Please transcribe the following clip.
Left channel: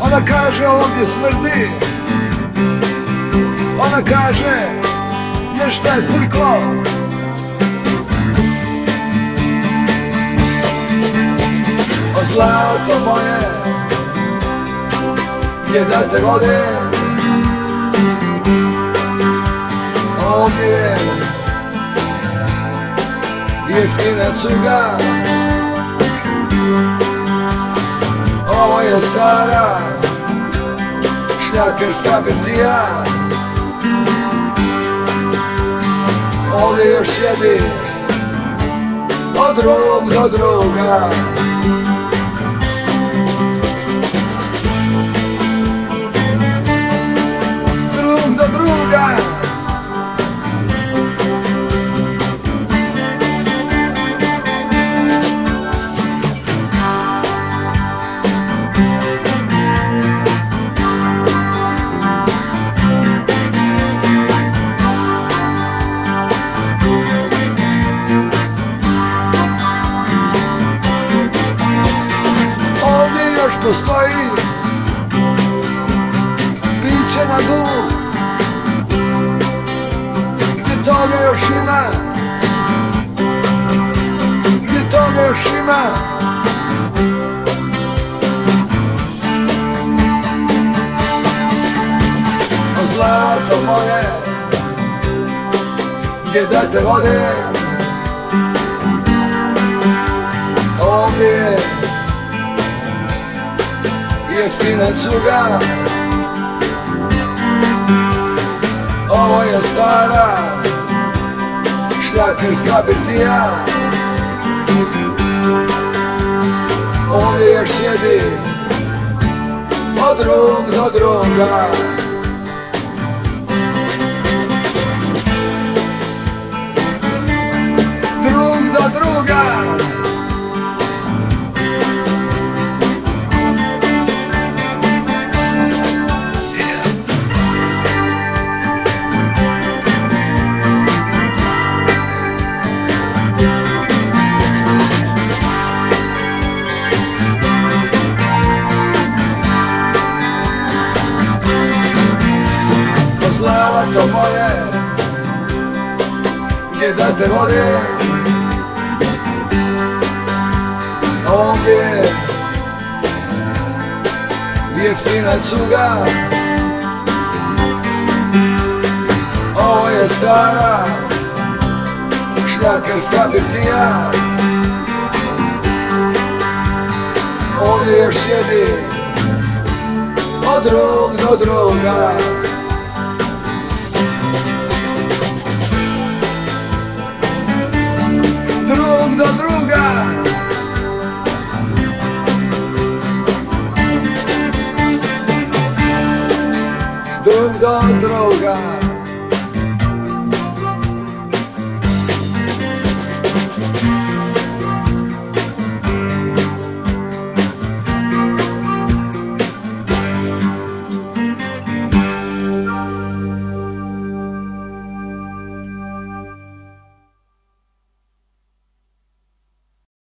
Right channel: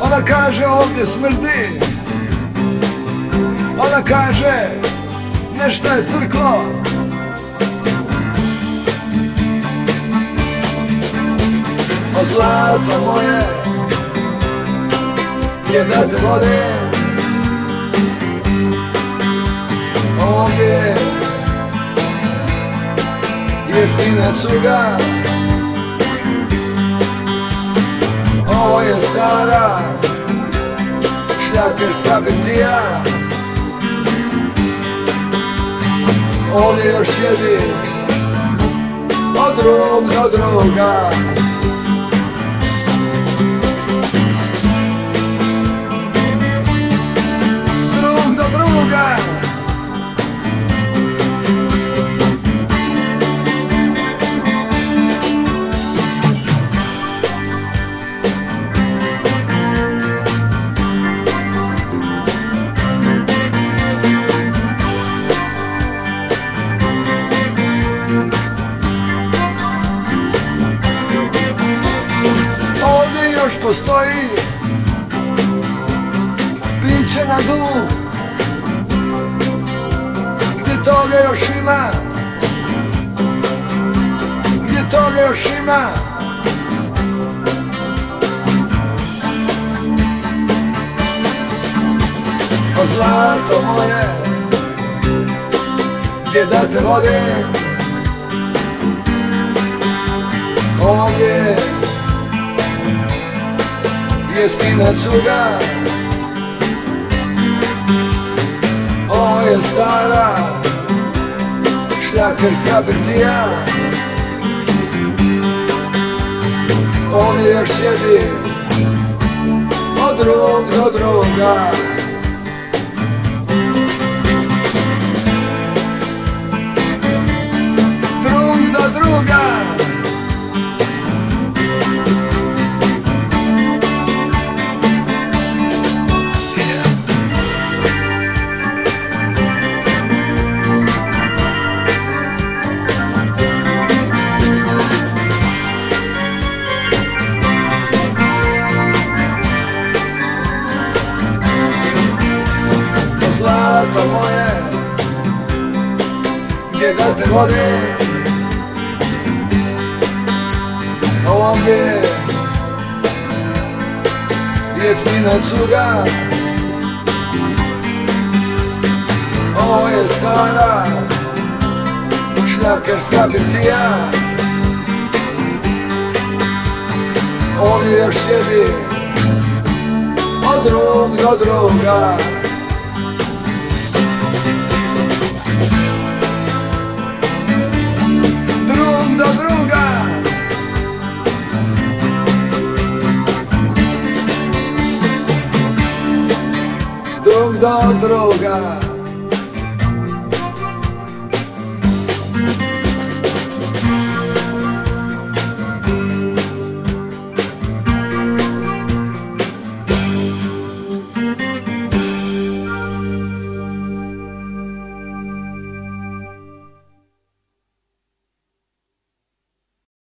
Ona kaže ovdje smrti, ona kaže nešto je crklo. O zlato moje, gdje da te vode, ovdje je jeftina cuga. Ovo je stara šljakerska birtija, ovdje još sjedi od drug do druga. Drug do druga. Postoji piće na dnu, gdje toga još ima, gdje toga još ima. O zlato moje, gdje da te vode, ovdje je jeftina cuga. Ovo je stara šljakerska birtija, ovdje još sjedi od drug do druga. Drug do druga. Zlato moje, gdje da te vode, ovdje je jeftina cuga. Ovo je stara šljakerska birtija, ovdje još sjedi od drug do druga.